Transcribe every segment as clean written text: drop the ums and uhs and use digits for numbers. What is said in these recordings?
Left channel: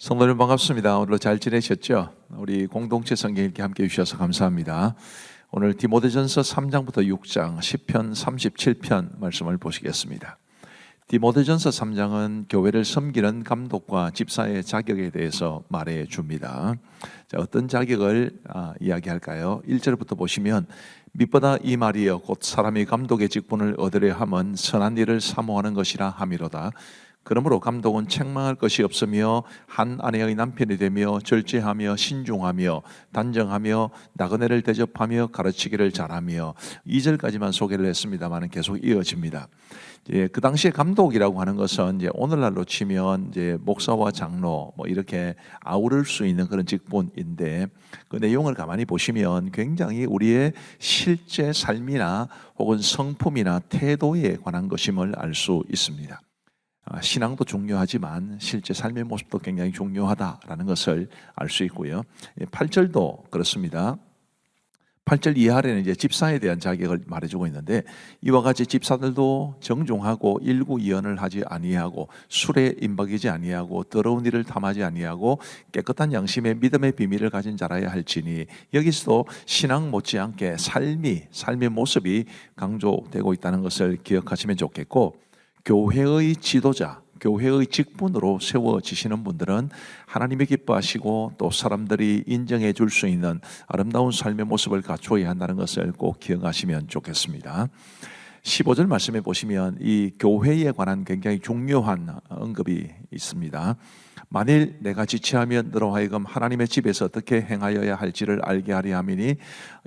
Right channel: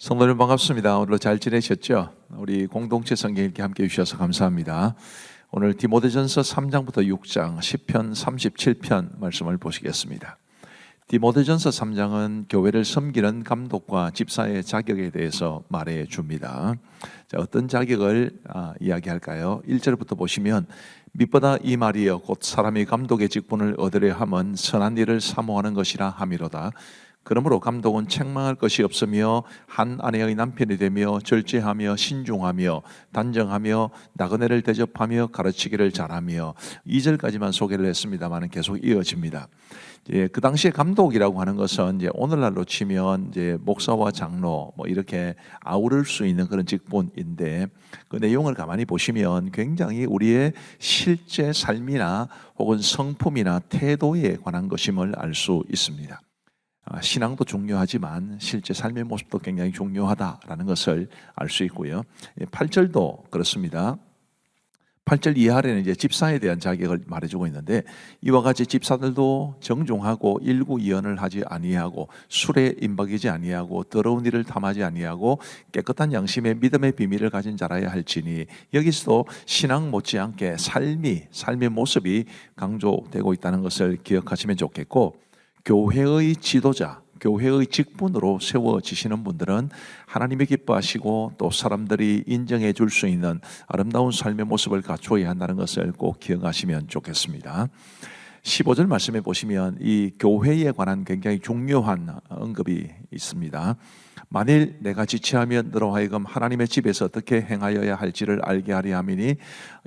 성도님 반갑습니다. 오늘도 잘 지내셨죠? 우리 공동체 성경 읽기 함께 해주셔서 감사합니다. 오늘 디모데전서 3장부터 6장, 시편 37편 말씀을 보시겠습니다. 디모데전서 3장은 교회를 섬기는 감독과 집사의 자격에 대해서 말해 줍니다. 자, 어떤 자격을 이야기할까요? 1절부터 보시면 밑보다 이 말이여 곧 사람이 감독의 직분을 얻으려 함은 선한 일을 사모하는 것이라 함이로다. 그러므로 감독은 책망할 것이 없으며 한 아내의 남편이 되며 절제하며 신중하며 단정하며 나그네를 대접하며 가르치기를 잘하며 2절까지만 소개를 했습니다만 계속 이어집니다. 그 당시에 감독이라고 하는 것은 이제 오늘날로 치면 이제 목사와 장로 뭐 이렇게 아우를 수 있는 그런 직분인데 그 내용을 가만히 보시면 굉장히 우리의 실제 삶이나 혹은 성품이나 태도에 관한 것임을 알 수 있습니다. 신앙도 중요하지만 실제 삶의 모습도 굉장히 중요하다라는 것을 알 수 있고요. 8절도 그렇습니다. 8절 이하에는 이제 집사에 대한 자격을 말해주고 있는데 이와 같이 집사들도 정중하고 일구이연을 하지 아니하고 술에 임박이지 아니하고 더러운 일을 탐하지 아니하고 깨끗한 양심의 믿음의 비밀을 가진 자라야 할지니 여기서도 신앙 못지않게 삶의 모습이 강조되고 있다는 것을 기억하시면 좋겠고 교회의 지도자, 교회의 직분으로 세워지시는 분들은 하나님이 기뻐하시고 또 사람들이 인정해 줄 수 있는 아름다운 삶의 모습을 갖추어야 한다는 것을 꼭 기억하시면 좋겠습니다. 15절 말씀해 보시면 이 교회에 관한 굉장히 중요한 언급이 있습니다. 만일 내가 지체하면 너로 하여금 하나님의 집에서 어떻게 행하여야 할지를 알게 하리 함이니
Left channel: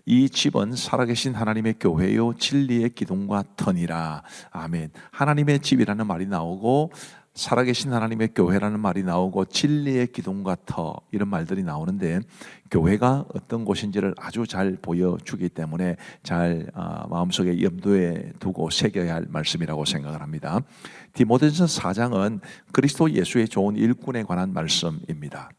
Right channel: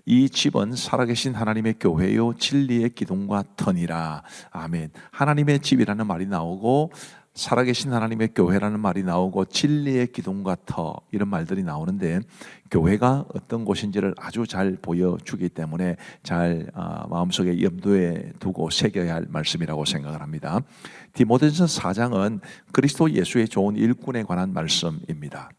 이 집은 살아계신 하나님의 교회요 진리의 기둥과 터니라. 아멘. 하나님의 집이라는 말이 나오고 살아계신 하나님의 교회라는 말이 나오고 진리의 기둥과 터 이런 말들이 나오는데 교회가 어떤 곳인지를 아주 잘 보여주기 때문에 잘 마음속에 염두에 두고 새겨야 할 말씀이라고 생각을 합니다. 디모데전서 4장은 그리스도 예수의 좋은 일꾼에 관한 말씀입니다.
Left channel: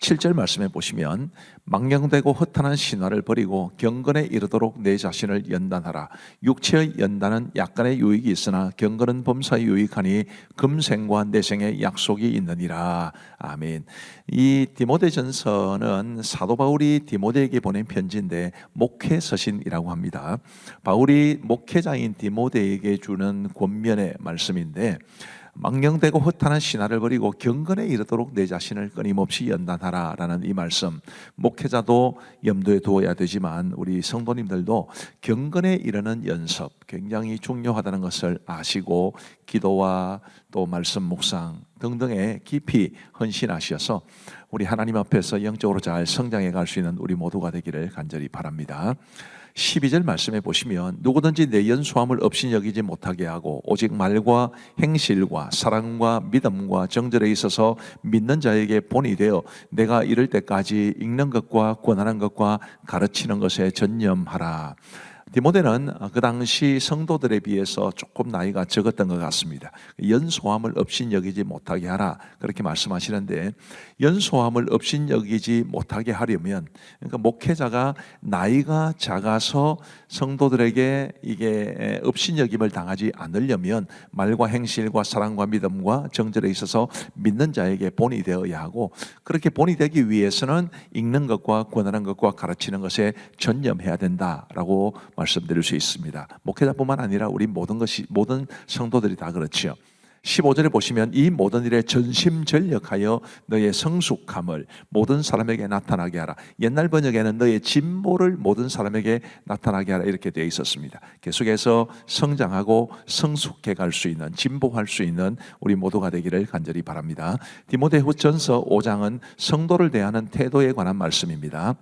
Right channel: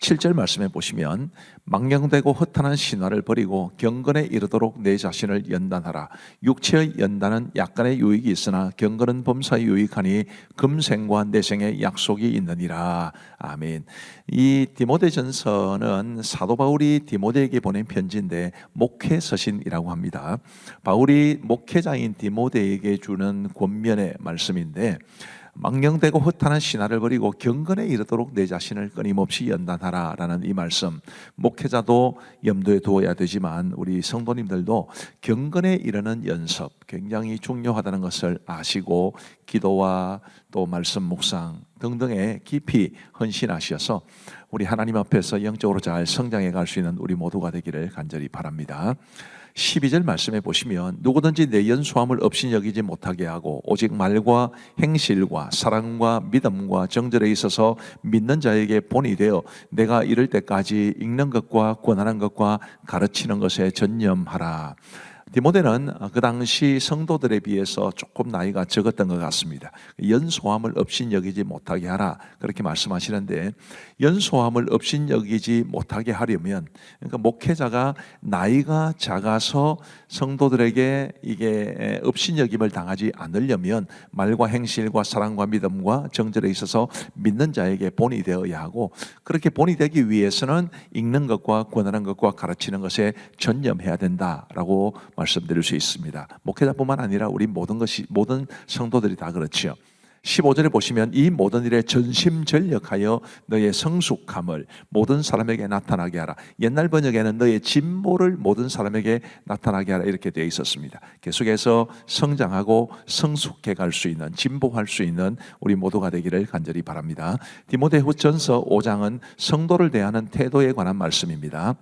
7절 말씀해 보시면 망령되고 허탄한 신화를 버리고 경건에 이르도록 내 자신을 연단하라. 육체의 연단은 약간의 유익이 있으나 경건은 범사에 유익하니 금생과 내생의 약속이 있느니라. 아멘. 이 디모데전서는 사도 바울이 디모데에게 보낸 편지인데 목회 서신이라고 합니다. 바울이 목회자인 디모데에게 주는 권면의 말씀인데 망령되고 허탄한 신화를 버리고 경건에 이르도록 내 자신을 끊임없이 연단하라 라는 이 말씀, 목회자도 염두에 두어야 되지만 우리 성도님들도 경건에 이르는 연습 굉장히 중요하다는 것을 아시고 기도와 또 말씀 묵상 등등에 깊이 헌신하셔서 우리 하나님 앞에서 영적으로 잘 성장해 갈 수 있는 우리 모두가 되기를 간절히 바랍니다. 12절 말씀해 보시면 누구든지 내 연소함을 없이 여기지 못하게 하고 오직 말과 행실과 사랑과 믿음과 정절에 있어서 믿는 자에게 본이 되어 내가 이를 때까지 읽는 것과 권하는 것과 가르치는 것에 전념하라. 디모데는 그 당시 성도들에 비해서 조금 나이가 적었던 것 같습니다. 연소함을 없인 여기지 못하게 하라 그렇게 말씀하시는데 연소함을 없인 여기지 못하게 하려면 그러니까 목회자가 나이가 작아서 성도들에게 이게 없인 여김을 당하지 않으려면 말과 행실과 사랑과 믿음과 정절에 있어서 믿는 자에게 본이 되어야 하고 그렇게 본이 되기 위해서는 읽는 것과 권하는 것과 가르치는 것에 전념해야 된다라고 말씀드릴 수 있습니다. 목회자뿐만 아니라 우리 모든 성도들이 다 그렇지요. 15절에 보시면 이 모든 일에 전심전력하여 너의 성숙함을 모든 사람에게 나타나게 하라. 옛날 번역에는 너의 진보를 모든 사람에게 나타나게 하라 이렇게 되어 있었습니다. 계속해서 성장하고 성숙해 갈 수 있는 진보할 수 있는 우리 모두가 되기를 간절히 바랍니다. 디모데후전서 5장은 성도를 대하는 태도에 관한 말씀입니다.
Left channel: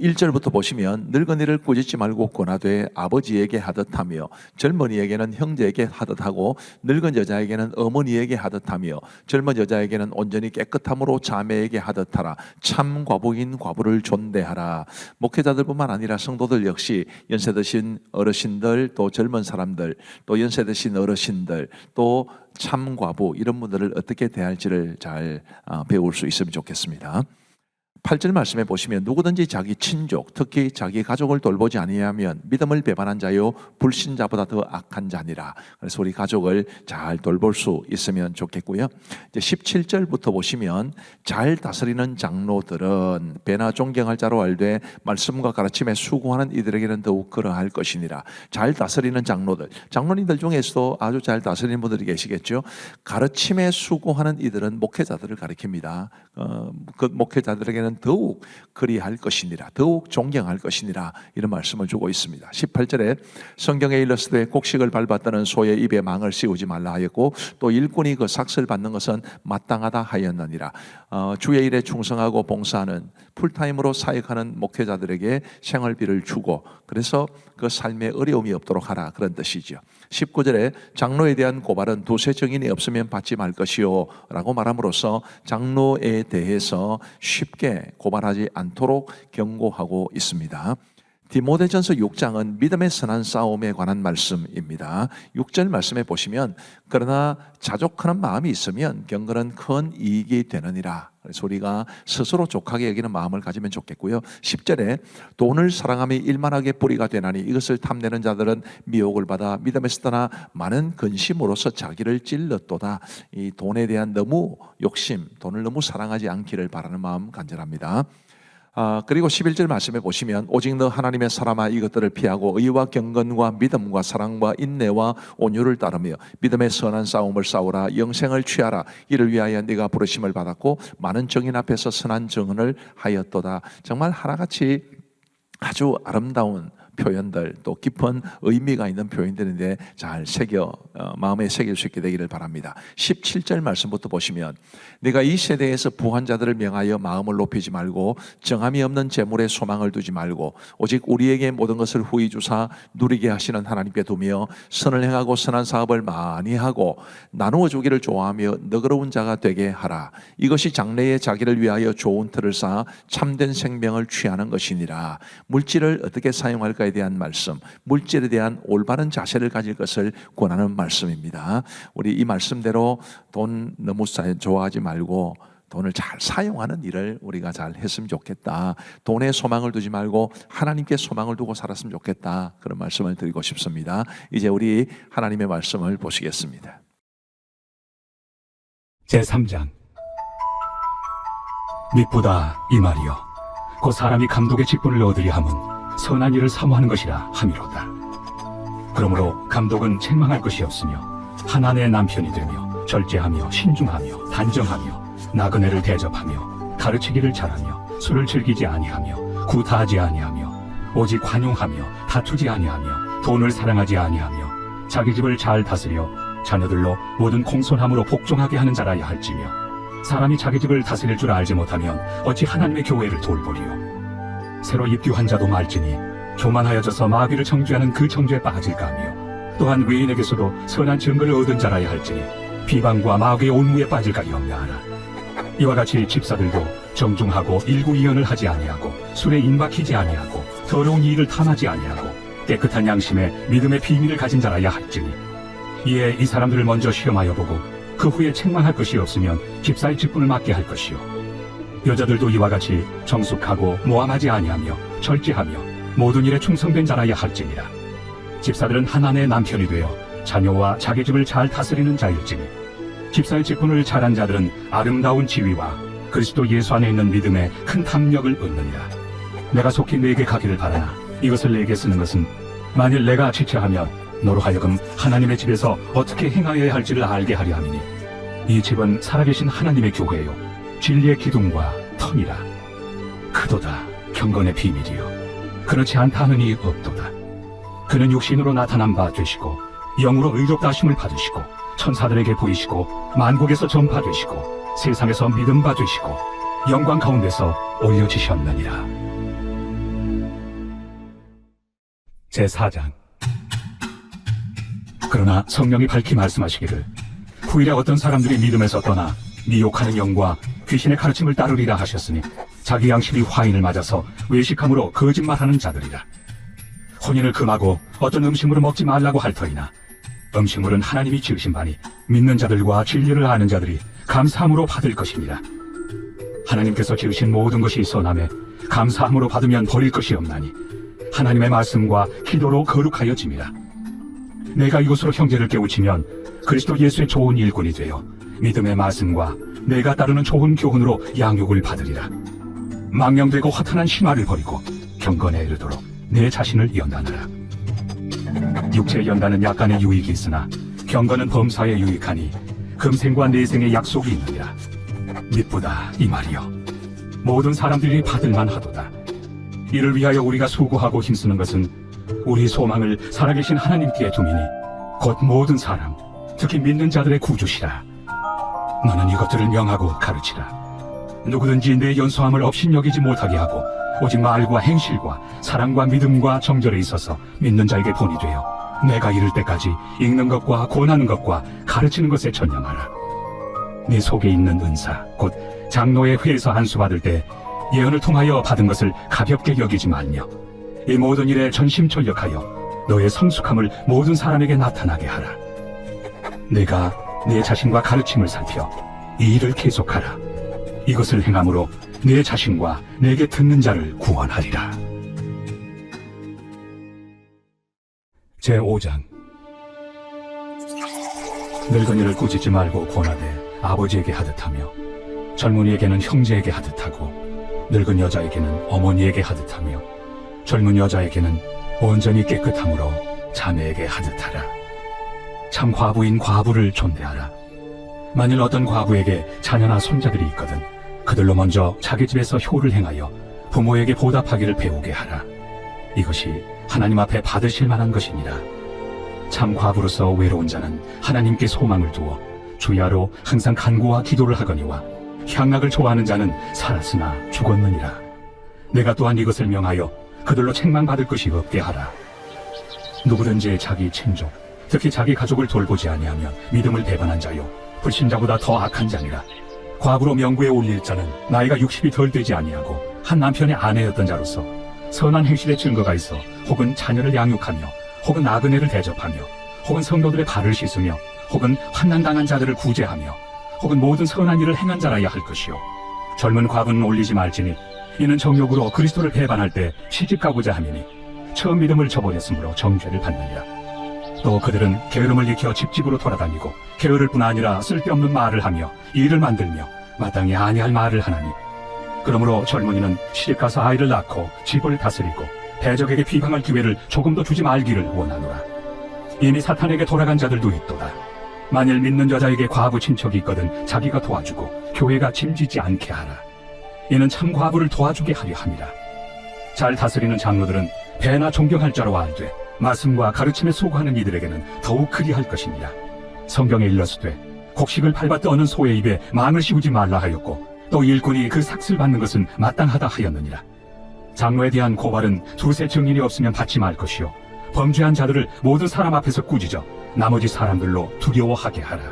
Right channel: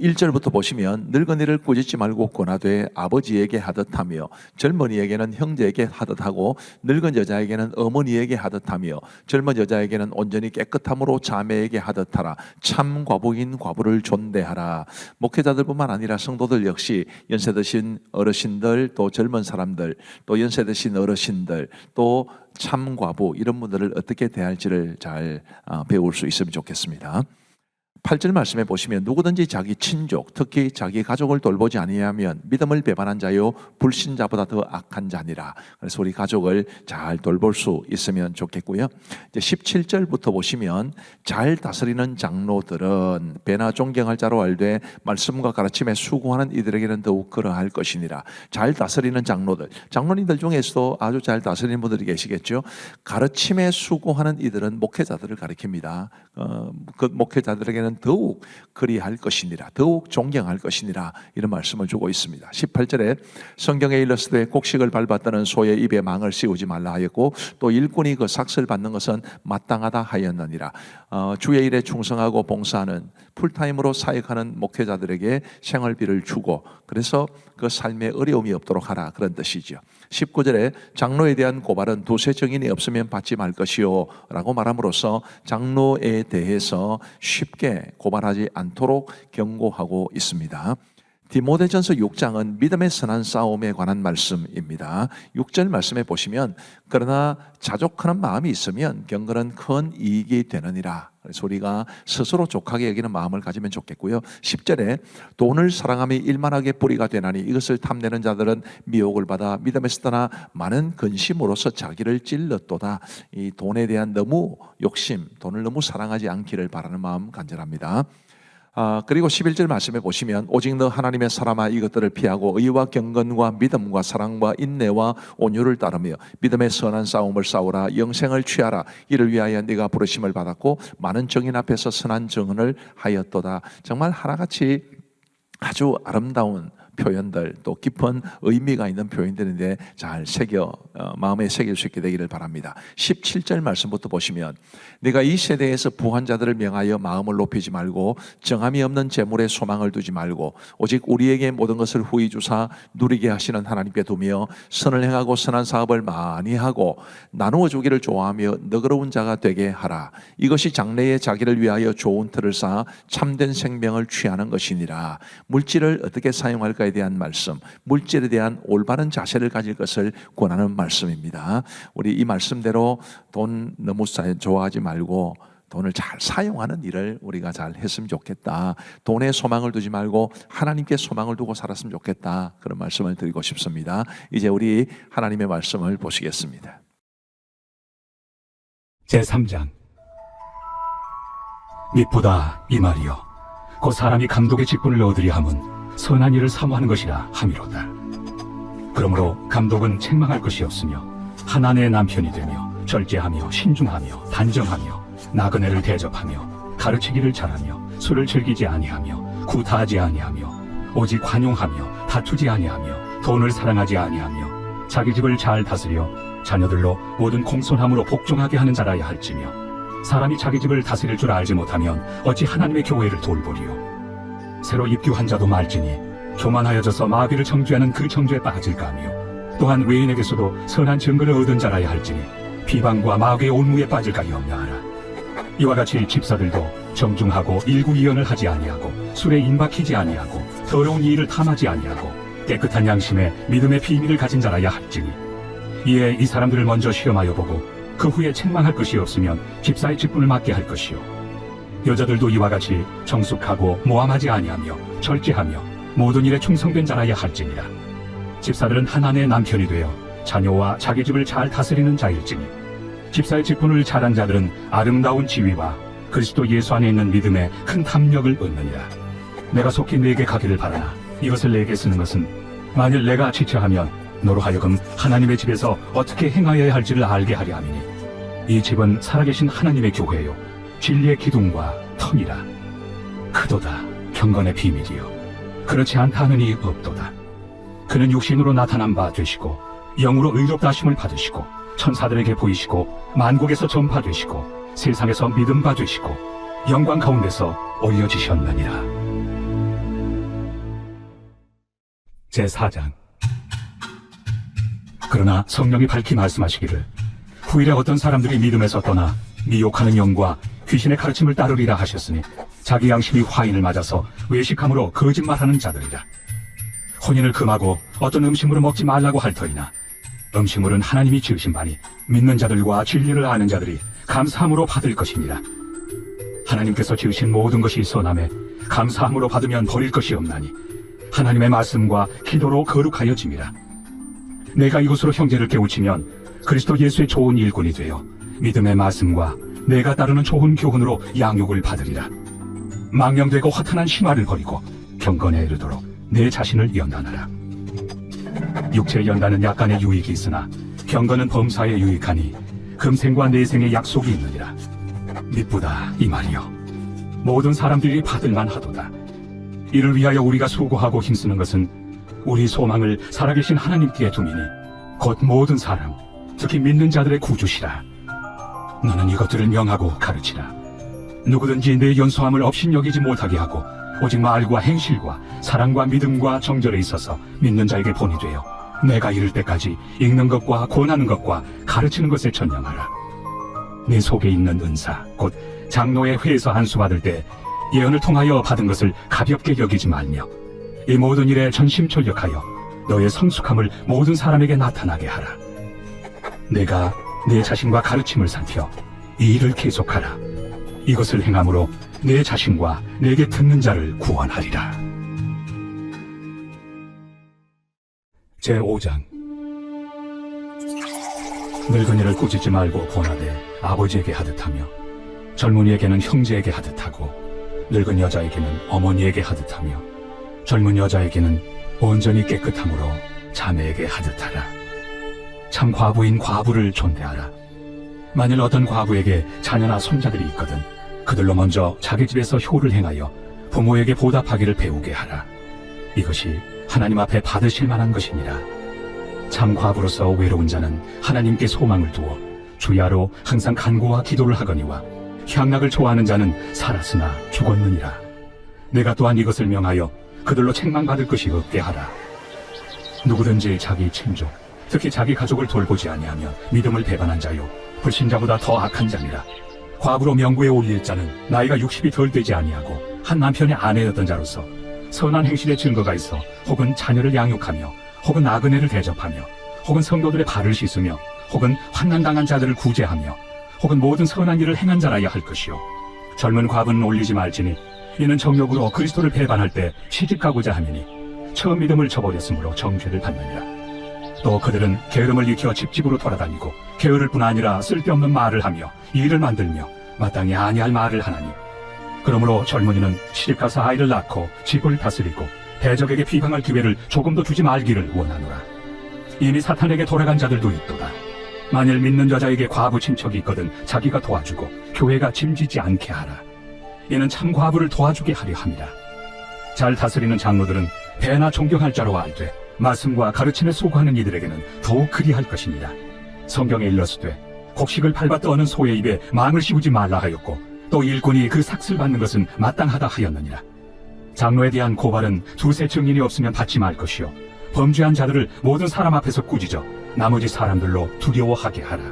1절부터 보시면 늙은이를 꾸짖지 말고 권하되 아버지에게 하듯하며 젊은이에게는 형제에게 하듯하고 늙은 여자에게는 어머니에게 하듯하며 젊은 여자에게는 온전히 깨끗함으로 자매에게 하듯하라. 참 과부인 과부를 존대하라. 목회자들뿐만 아니라 성도들 역시 연세 드신 어르신들 또 젊은 사람들 또 연세 드신 어르신들 또 참 과부 이런 분들을 어떻게 대할지를 잘 배울 수 있으면 좋겠습니다. 8절 말씀에 보시면 누구든지 자기 친족 특히 자기 가족을 돌보지 아니하면 믿음을 배반한 자요 불신자보다 더 악한 자니라. 그래서 우리 가족을 잘 돌볼 수 있으면 좋겠고요. 이제 17절부터 보시면 잘 다스리는 장로들은 배나 존경할 자로 알되 말씀과 가르침에 수고하는 이들에게는 더욱 그러할 것이니라. 잘 다스리는 장로님들 중에서도 아주 잘 다스리는 분들이 계시겠죠. 가르침에 수고하는 이들은 목회자들을 가리킵니다. 그 목회자들에게는 더욱 그리할 것이니라, 더욱 존경할 것이니라, 이런 말씀을 주고 있습니다. 18절에 성경에 일렀으되 곡식을 밟았다는 소의 입에 망을 씌우지 말라 하였고 또 일꾼이 그 삭슬 받는 것은 마땅하다 하였느니라. 주의 일에 충성하고 봉사하는 풀타임으로 사역하는 목회자들에게 생활비를 주고 그래서 그 삶에 어려움이 없도록 하라, 그런 뜻이죠. 19절에 장로에 대한 고발은 두세 증인이 없으면 받지 말 것이요 라고 말함으로써 장로에 대해서 쉽게 고발하지 않도록 경고하고 있습니다. 디모데전서 6장은 믿음의 선한 싸움에 관한 말씀입니다. 6절 말씀에 보시면 그러나 자족하는 마음이 있으면 경건은 큰 이익이 되느니라. 그래서 우리가 스스로 족하게 여기는 마음을 가지면 좋겠고요. 10절에 돈을 사랑함이 일만하게 뿌리가 되나니 이것을 탐내는 자들은 미혹을 받아 믿음에서 떠나 많은 근심으로서 자기를 찔렀도다. 이 돈에 대한 너무 욕심, 돈을 너무 사랑하지 않기를 바라는 마음 간절합니다. 그리고 11절 말씀에 보시면 오직 너 하나님의 사람아 이것들을 피하고 의와 경건과 믿음과 사랑과 인내와 온유를 따르며 믿음의 선한 싸움을 싸우라. 영생을 취하라. 이를 위하여 네가 부르심을 받았고 많은 증인 앞에서 선한 증언을 하였도다. 정말 하나같이 아주 아름다운 표현들, 또 깊은 의미가 있는 표현들인데 잘 마음에 새길 수 있게 되기를 바랍니다. 17절 말씀부터 보시면 네가 이 세대에서 부한 자들을 명하여 마음을 높이지 말고 정함이 없는 재물에 소망을 두지 말고 오직 우리에게 모든 것을 후히 주사 누리게 하시는 하나님께 두며 선을 행하고 선한 사업을 많이 하고 나누어 주기를 좋아하며 너그러운 자가 되게 하라. 이것이 장래에 자기를 위하여 좋은 틀을 쌓아 참된 생명을 취하는 것이니라. 물질을 어떻게 사용할까에 대한 말씀, 물질에 대한 올바른 자세를 가질 것을 권하는 말씀입니다. 우리 이 말씀대로 돈 너무 좋아하지 말고 돈을 잘 사용하는 일을 우리가 잘 했으면 좋겠다. 돈에 소망을 두지 말고 하나님께 소망을 두고 살았으면 좋겠다. 그런 말씀을 드리고 싶습니다. 이제 우리 하나님의 말씀을 보시겠습니다. 제3장. 미쁘다 이 말이여 곧 사람이 감독의 직분을 얻으려 함은 선한 일을 사모하는 것이라 함이로다. 그러므로 감독은 책망할 것이 없으며 하나님의 남편이 되며 절제하며 신중하며 단정하며 나그네를 대접하며 가르치기를 잘하며 술을 즐기지 아니하며 구타하지 아니하며 오직 관용하며 다투지 아니하며 돈을 사랑하지 아니하며 자기 집을 잘 다스려 자녀들로 모든 공손함으로 복종하게 하는 자라야 할지며 사람이 자기 집을 다스릴 줄 알지 못하면 어찌 하나님의 교회를 돌보리요. 새로 입교한 자도 말지니 교만하여져서 마귀를 정죄하는 그 정죄에 빠질까 하며 또한 외인에게서도 선한 증거를 얻은 자라야 할지니 비방과 마귀의 온무에 빠질까 염려하라. 이와 같이 집사들도 정중하고 일구이연을 하지 아니하고 술에 임박히지 아니하고 더러운 일을 탐하지 아니하고 깨끗한 양심에 믿음의 비밀을 가진 자라야 할지니 이에 이 사람들을 먼저 시험하여 보고 그 후에 책망할 것이 없으면 집사의 직분을 맡게 할 것이요. 여자들도 이와 같이 정숙하고 모함하지 아니하며 절제하며 모든 일에 충성된 자라야 할지니라. 집사들은 하나님의 남편이 되어 자녀와 자기 집을 잘 다스리는 자일지니 집사의 직분을 잘한 자들은 아름다운 지위와 그리스도 예수 안에 있는 믿음에 큰 탐욕을 얻느니라. 내가 속히 네게 가기를 바라나 이것을 네게 쓰는 것은 만일 내가 지체하면 너로 하여금 하나님의 집에서 어떻게 행하여야 할지를 알게 하려 함이니 이 집은 살아계신 하나님의 교회요 진리의 기둥과 터니라. 크도다 경건의 비밀이요 그렇지 않다 하느니 없도다. 그는 육신으로 나타난 바 되시고 영으로 의롭다 하심을 받으시고 천사들에게 보이시고 만국에서 전파되시고 세상에서 믿음 받으시고 영광 가운데서 올려지셨느니라. 제4장. 그러나 성령이 밝히 말씀하시기를 후일에 어떤 사람들이 믿음에서 떠나 미혹하는 영과 귀신의 가르침을 따르리라 하셨으니 자기 양심이 화인을 맞아서 외식함으로 거짓말하는 자들이라. 혼인을 금하고 어떤 음식물을 먹지 말라고 할 터이나 음식물은 하나님이 지으신 바니 믿는 자들과 진리를 아는 자들이 감사함으로 받을 것이니라. 하나님께서 지으신 모든 것이 선함에 감사함으로 받으면 버릴 것이 없나니 하나님의 말씀과 기도로 거룩하여짐이라. 내가 이것으로 형제를 깨우치면 그리스도 예수의 좋은 일꾼이 되어 믿음의 말씀과 내가 따르는 좋은 교훈으로 양육을 받으리라. 망령되고 허탄한 심화를 버리고 경건에 이르도록 내 자신을 연단하라. 육체의 연단은 약간의 유익이 있으나 경건은 범사에 유익하니 금생과 내생의 약속이 있느니라. 미쁘다 이 말이요, 모든 사람들이 받을만 하도다. 이를 위하여 우리가 수고하고 힘쓰는 것은 우리 소망을 살아계신 하나님께 두미니 곧 모든 사람, 특히 믿는 자들의 구주시라. 너는 이것들을 명하고 가르치라. 누구든지 내 연소함을 업신여기지 못하게 하고 오직 말과 행실과 사랑과 믿음과 정절에 있어서 믿는 자에게 본이 되어 내가 이를 때까지 읽는 것과 권하는 것과 가르치는 것에 전념하라. 내 속에 있는 은사 곧 장로의 회에서 안수 받을 때 예언을 통하여 받은 것을 가볍게 여기지 말며 이 모든 일에 전심전력하여 너의 성숙함을 모든 사람에게 나타나게 하라. 내가 내 자신과 가르침을 살펴 이 일을 계속하라. 이것을 행함으로 내 자신과 내게 듣는 자를 구원하리라. 제5장. 늙은이를 꾸짖지 말고 권하되 아버지에게 하듯하며 젊은이에게는 형제에게 하듯하고 늙은 여자에게는 어머니에게 하듯하며 젊은 여자에게는 온전히 깨끗함으로 자매에게 하듯하라. 참 과부인 과부를 존대하라. 만일 어떤 과부에게 자녀나 손자들이 있거든 그들로 먼저 자기 집에서 효를 행하여 부모에게 보답하기를 배우게 하라. 이것이 하나님 앞에 받으실 만한 것이니라. 참 과부로서 외로운 자는 하나님께 소망을 두어 주야로 항상 간구와 기도를 하거니와 향락을 좋아하는 자는 살았으나 죽었느니라. 내가 또한 이것을 명하여 그들로 책망받을 것이 없게 하라. 누구든지 자기 친족, 특히 자기 가족을 돌보지 아니하며 믿음을 배반한 자요 불신자보다 더 악한 자니라. 과부로 명부에 올릴 자는 나이가 60이 덜 되지 아니하고 한 남편의 아내였던 자로서 선한 행실의 증거가 있어 혹은 자녀를 양육하며 혹은 나그네를 대접하며 혹은 성도들의 발을 씻으며 혹은 환난당한 자들을 구제하며 혹은 모든 선한 일을 행한 자라야 할 것이요 젊은 과부는 올리지 말지니 이는 정욕으로 그리스도를 배반할 때 시집가고자 함이니 처음 믿음을 저버렸으므로 정죄를 받느니라. 또 그들은 게으름을 익혀 집집으로 돌아다니고 게으를 뿐 아니라 쓸데없는 말을 하며 일을 만들며 마땅히 아니할 말을 하나니 그러므로 젊은이는 시집가서 아이를 낳고 집을 다스리고 대적에게 비방할 기회를 조금도 주지 말기를 원하노라. 이미 사탄에게 돌아간 자들도 있도다. 만일 믿는 여자에게 과부 친척이 있거든 자기가 도와주고 교회가 짐지지 않게 하라. 이는 참 과부를 도와주게 하려 함이라. 잘 다스리는 장로들은 배나 존경할 자로 알되 말씀과 가르침에 소구하는 이들에게는 더욱 그리할 것이니라. 성경에 일렀으되 곡식을 밟아 떠는 소의 입에 망을 씌우지 말라 하였고 또 일꾼이 그 삭슬 받는 것은 마땅하다 하였느니라. 장로에 대한 고발은 두세 증인이 없으면 받지 말 것이요 범죄한 자들을 모든 사람 앞에서 꾸짖어 나머지 사람들로 두려워하게 하라.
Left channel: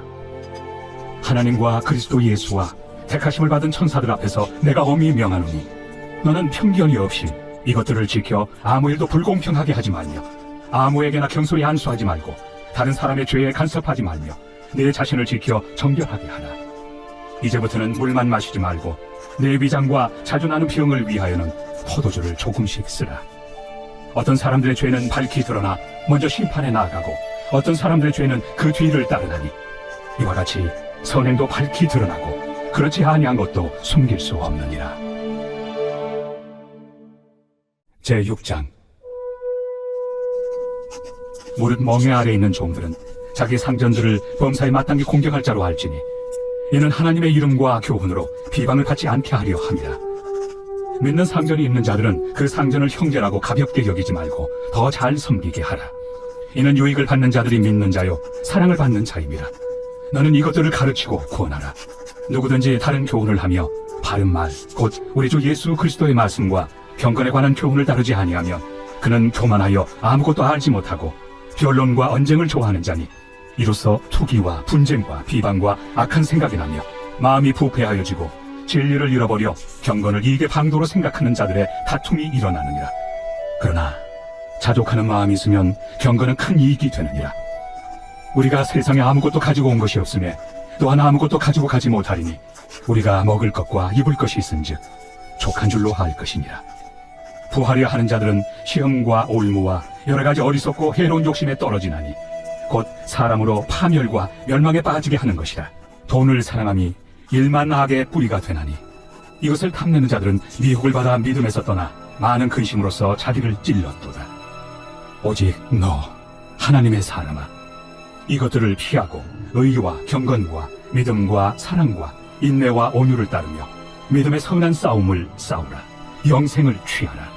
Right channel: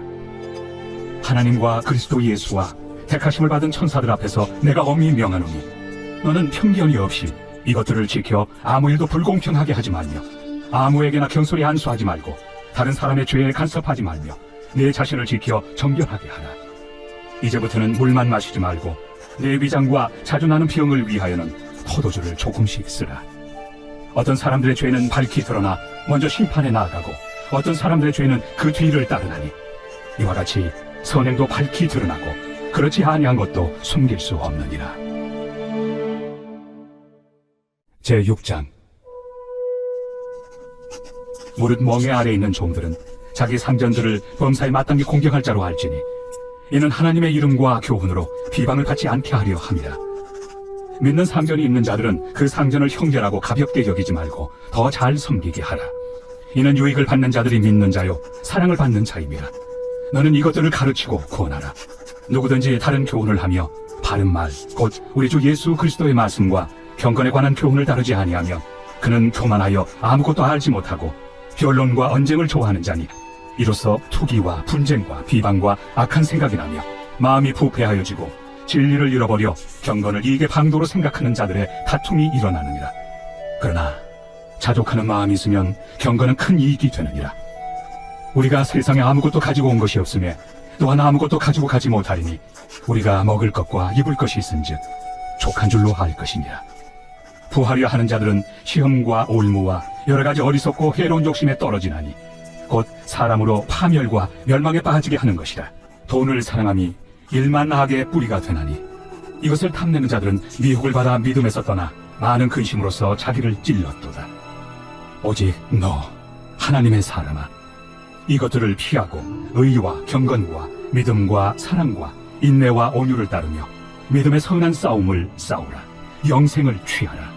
하나님과 그리스도 예수와 택하심을 받은 천사들 앞에서 내가 엄히 명하노니 너는 편견이 없이 이것들을 지켜 아무 일도 불공평하게 하지 말며 아무에게나 경솔히 안수하지 말고 다른 사람의 죄에 간섭하지 말며 내 자신을 지켜 정결하게 하라. 이제부터는 물만 마시지 말고 내 위장과 자주 나는 병을 위하여는 포도주를 조금씩 쓰라. 어떤 사람들의 죄는 밝히 드러나 먼저 심판에 나아가고 어떤 사람들의 죄는 그 뒤를 따르나니 이와 같이 선행도 밝히 드러나고 그렇지 아니한 것도 숨길 수 없느니라. 제6장. 무릇 멍에 아래 있는 종들은 자기 상전들을 범사에 마땅히 공격할 자로 알지니 이는 하나님의 이름과 교훈으로 비방을 받지 않게 하려 함이라. 믿는 상전이 있는 자들은 그 상전을 형제라고 가볍게 여기지 말고 더 잘 섬기게 하라. 이는 유익을 받는 자들이 믿는 자요 사랑을 받는 자임이라. 너는 이것들을 가르치고 구원하라. 누구든지 다른 교훈을 하며 바른 말 곧 우리 주 예수 그리스도의 말씀과 경건에 관한 교훈을 다루지 아니하면 그는 교만하여 아무것도 알지 못하고 변론과 언쟁을 좋아하는 자니 이로써 투기와 분쟁과 비방과 악한 생각이 나며 마음이 부패하여지고 진리를 잃어버려 경건을 이익의 방도로 생각하는 자들의 다툼이 일어나느니라. 그러나 자족하는 마음이 있으면 경건은 큰 이익이 되느니라. 우리가 세상에 아무것도 가지고 온 것이 없음에 또한 아무것도 가지고 가지 못하리니 우리가 먹을 것과 입을 것이 있은즉 족한 줄로 알 것이니라. 부하려 하는 자들은 시험과 올무와 여러 가지 어리석고 해로운 욕심에 떨어지나니 곧 사람으로 파멸과 멸망에 빠지게 하는 것이라. 돈을 사랑함이 일만 악의 뿌리가 되나니 이것을 탐내는 자들은 미혹을 받아 믿음에서 떠나 많은 근심으로써 자기를 찔렀도다. 오직 너 하나님의 사람아, 이것들을 피하고 의와 경건과 믿음과 사랑과 인내와 온유를 따르며 믿음의 선한 싸움을 싸우라. 영생을 취하라.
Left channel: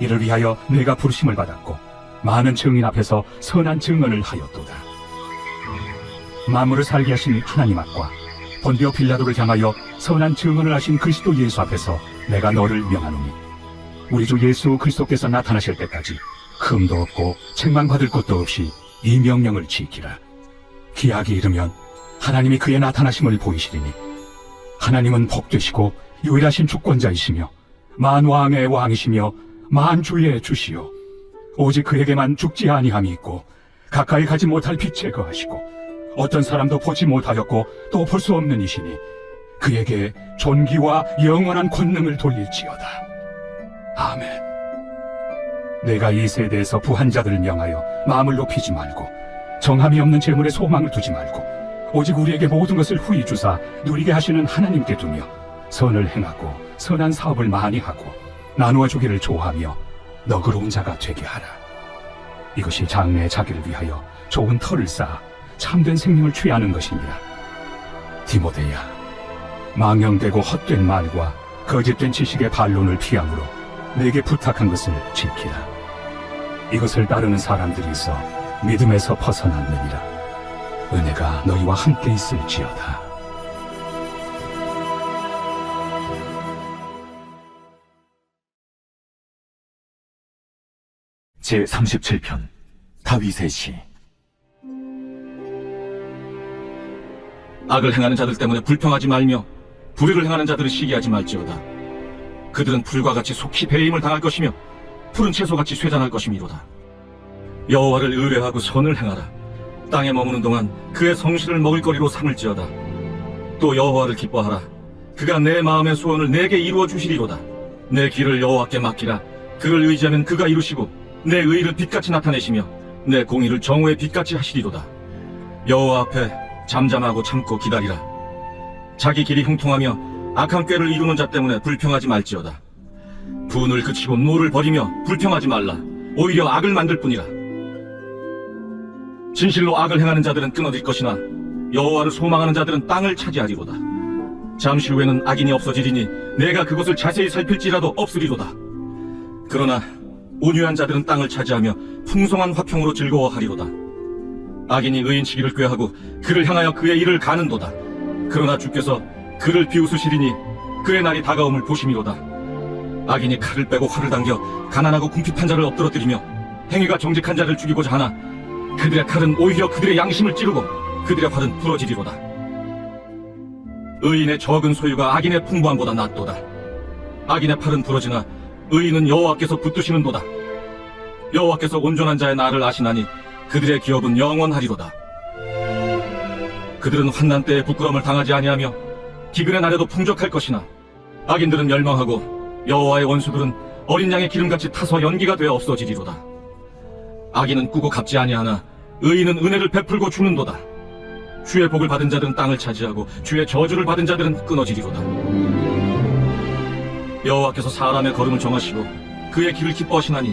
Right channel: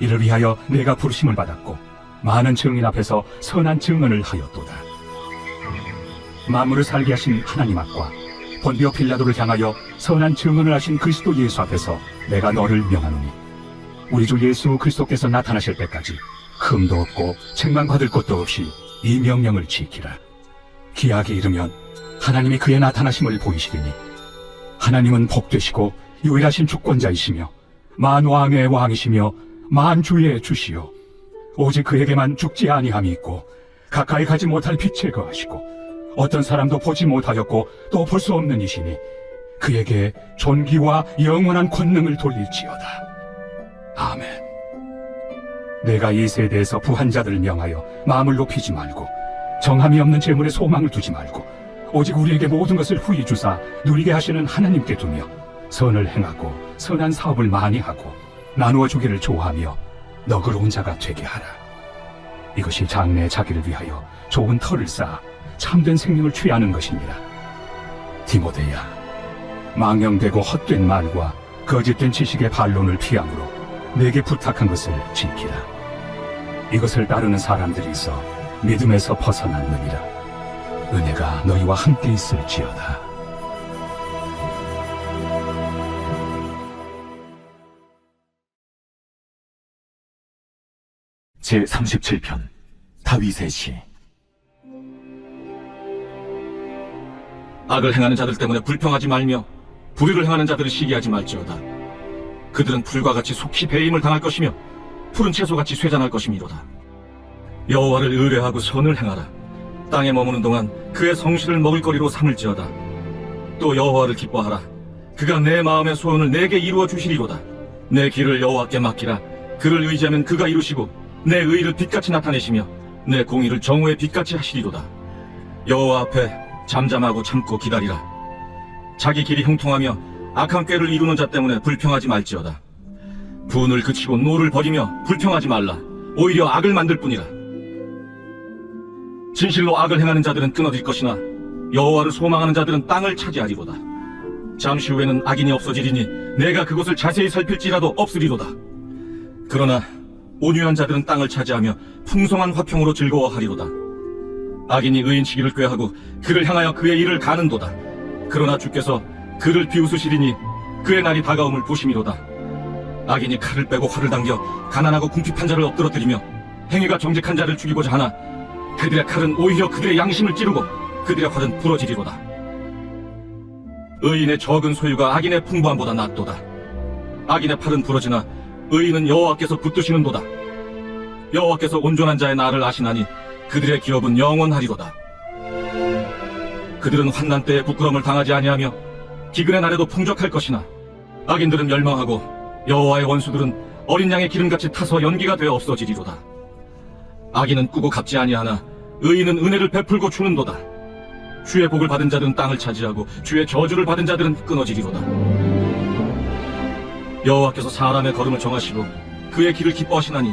이를 위하여 내가 부르심을 받았고 많은 증인 앞에서 선한 증언을 하였도다. 만물을 살게 하신 하나님 앞과 본디오 빌라도를 향하여 선한 증언을 하신 그리스도 예수 앞에서 내가 너를 명하노니 우리 주 예수 그리스도께서 나타나실 때까지 흠도 없고 책망받을 것도 없이 이 명령을 지키라. 기약이 이르면 하나님이 그의 나타나심을 보이시리니 하나님은 복되시고 유일하신 주권자이시며 만왕의 왕이시며 만주의 주시요 오직 그에게만 죽지 아니함이 있고 가까이 가지 못할 빛을 거하시고 어떤 사람도 보지 못하였고 또 볼 수 없는 이시니 그에게 존귀와 영원한 권능을 돌릴지어다. 아멘. 내가 이 세대에서 부한 자들을 명하여 마음을 높이지 말고 정함이 없는 재물에 소망을 두지 말고 오직 우리에게 모든 것을 후히 주사 누리게 하시는 하나님께 두며 선을 행하고 선한 사업을 많이 하고 나누어 주기를 좋아하며 너그러운 자가 되게 하라. 이것이 장래의 자기를 위하여 좋은 터를 쌓아 참된 생명을 취하는 것이니라. 디모데야, 망령되고 헛된 말과 거짓된 지식의 반론을 피함으로 내게 부탁한 것을 지키라. 이것을 따르는 사람들이 있어 믿음에서 벗어났느니라. 은혜가 너희와 함께 있을지어다. 제37편 다윗의 시. 악을 행하는 자들 때문에 불평하지 말며 불의를 행하는 자들을 시기하지 말지어다. 그들은 풀과 같이 속히 배임을 당할 것이며 푸른 채소같이 쇠잔할 것이미로다. 여호와를 의뢰하고 선을 행하라. 땅에 머무는 동안 그의 성실을 먹을거리로 삼을지어다. 또 여호와를 기뻐하라. 그가 내 마음의 소원을 내게 이루어 주시리로다. 내 길을 여호와께 맡기라. 그를 의지하면 그가 이루시고 내 의를 빛같이 나타내시며 내 공의를 정오의 빛같이 하시리로다. 여호와 앞에 잠잠하고 참고 기다리라. 자기 길이 형통하며 악한 꾀를 이루는 자 때문에 불평하지 말지어다. 분을 그치고 노를 버리며 불평하지 말라. 오히려 악을 만들 뿐이라. 진실로 악을 행하는 자들은 끊어질 것이나 여호와를 소망하는 자들은 땅을 차지하리로다. 잠시 후에는 악인이 없어지리니 내가 그곳을 자세히 살필지라도 없으리로다. 그러나 온유한 자들은 땅을 차지하며 풍성한 화평으로 즐거워하리로다. 악인이 의인치기를 꾀하고 그를 향하여 그의 일을 가는도다. 그러나 주께서 그를 비웃으시리니 그의 날이 다가옴을 보심이로다. 악인이 칼을 빼고 활을 당겨 가난하고 궁핍한 자를 엎드러뜨리며 행위가 정직한 자를 죽이고자 하나 그들의 칼은 오히려 그들의 양심을 찌르고 그들의 활은 부러지리로다. 의인의 적은 소유가 악인의 풍부함보다 낫도다. 악인의 팔은 부러지나 의인은 여호와께서 붙드시는도다. 여호와께서 온전한 자의 날을 아시나니 그들의 기업은 영원하리로다. 그들은 환난 때에 부끄러움을 당하지 아니하며 기근의 날에도 풍족할 것이나 악인들은 멸망하고 여호와의 원수들은 어린 양의 기름같이 타서 연기가 되어 없어지리로다. 악인은 꾸고 갚지 아니하나 의인은 은혜를 베풀고 주는도다. 주의 복을 받은 자들은 땅을 차지하고 주의 저주를 받은 자들은 끊어지리로다. 여호와께서 사람의 걸음을 정하시고 그의 길을 기뻐하시나니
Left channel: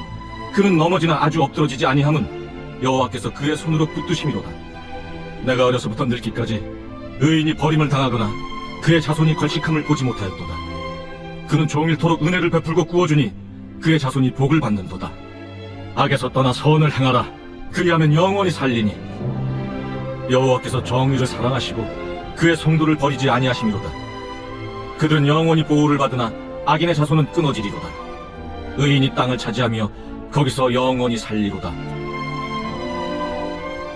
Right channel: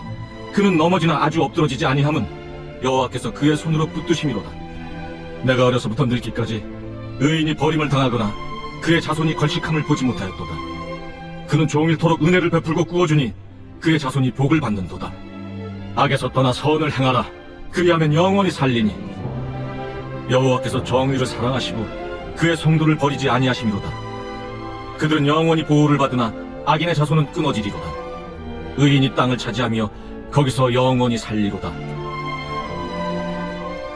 그는 넘어지나 아주 엎드러지지 아니함은 여호와께서 그의 손으로 붙드심이로다. 내가 어려서부터 늙기까지 의인이 버림을 당하거나 그의 자손이 걸식함을 보지 못하였도다. 그는 종일토록 은혜를 베풀고 구워주니 그의 자손이 복을 받는도다. 악에서 떠나 선을 행하라. 그리하면 영원히 살리니 여호와께서 정의를 사랑하시고 그의 성도를 버리지 아니하심이로다. 그들은 영원히 보호를 받으나 악인의 자손은 끊어지리로다. 의인이 땅을 차지하며 거기서 영원히 살리로다.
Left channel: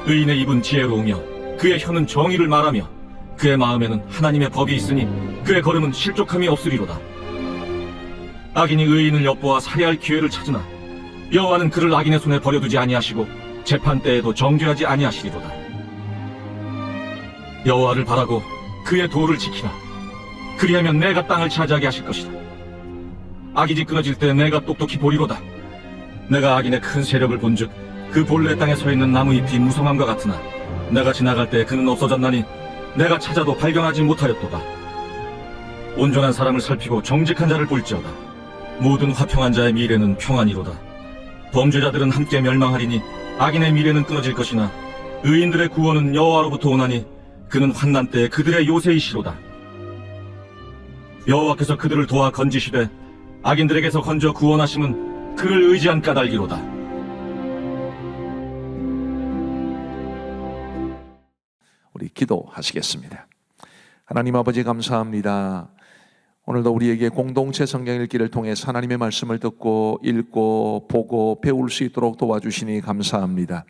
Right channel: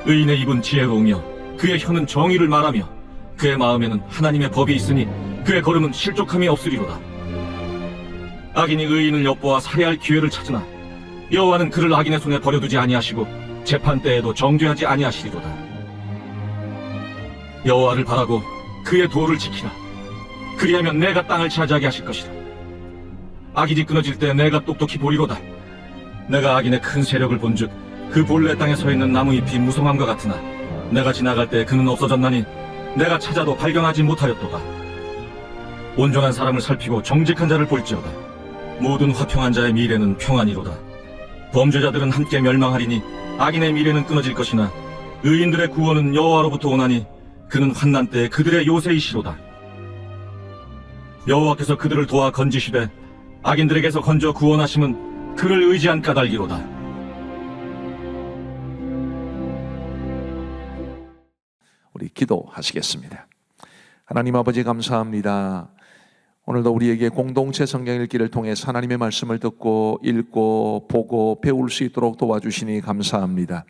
의인의 입은 지혜로우며 그의 혀는 정의를 말하며 그의 마음에는 하나님의 법이 있으니 그의 걸음은 실족함이 없으리로다. 악인이 의인을 엿보아 살해할 기회를 찾으나 여호와는 그를 악인의 손에 버려두지 아니하시고 재판 때에도 정죄하지 아니하시리로다. 여호와를 바라고 그의 도를 지키라. 그리하면 내가 땅을 차지하게 하실 것이다. 악인이 끊어질 때 내가 똑똑히 보리로다. 내가 악인의 큰 세력을 본즉 그 본래 땅에 서 있는 나무 잎이 무성함과 같으나 내가 지나갈 때 그는 없어졌나니 내가 찾아도 발견하지 못하였도다. 온전한 사람을 살피고 정직한 자를 볼지어다. 모든 화평한 자의 미래는 평안이로다. 범죄자들은 함께 멸망하리니 악인의 미래는 끊어질 것이나 의인들의 구원은 여호와로부터 오나니 그는 환난 때에 그들의 요새이시로다. 여호와께서 그들을 도와 건지시되 악인들에게서 건져 구원하심은 그를 의지한 까닭이로다. 우리 기도하시겠습니다. 하나님 아버지 감사합니다. 오늘도 우리에게 공동체 성경 읽기를 통해 하나님의 말씀을 듣고 읽고 보고 배울 수 있도록 도와주시니 감사합니다.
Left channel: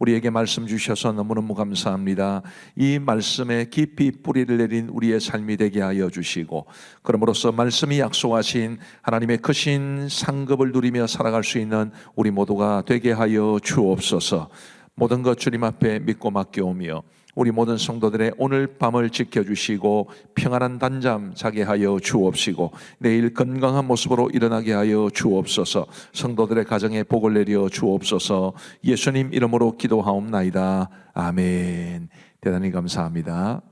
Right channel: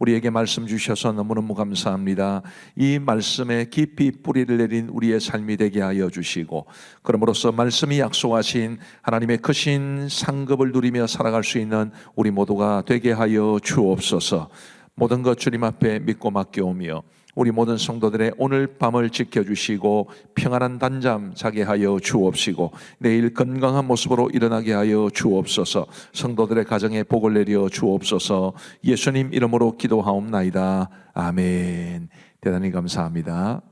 우리에게 말씀 주셔서 너무너무 감사합니다. 이 말씀에 깊이 뿌리를 내린 우리의 삶이 되게 하여 주시고 그럼으로써 말씀이 약속하신 하나님의 크신 상급을 누리며 살아갈 수 있는 우리 모두가 되게 하여 주옵소서. 모든 것 주님 앞에 믿고 맡겨오며 우리 모든 성도들의 오늘 밤을 지켜주시고 평안한 단잠 자게 하여 주옵시고 내일 건강한 모습으로 일어나게 하여 주옵소서. 성도들의 가정에 복을 내려 주옵소서. 예수님 이름으로 기도하옵나이다. 아멘. 대단히 감사합니다.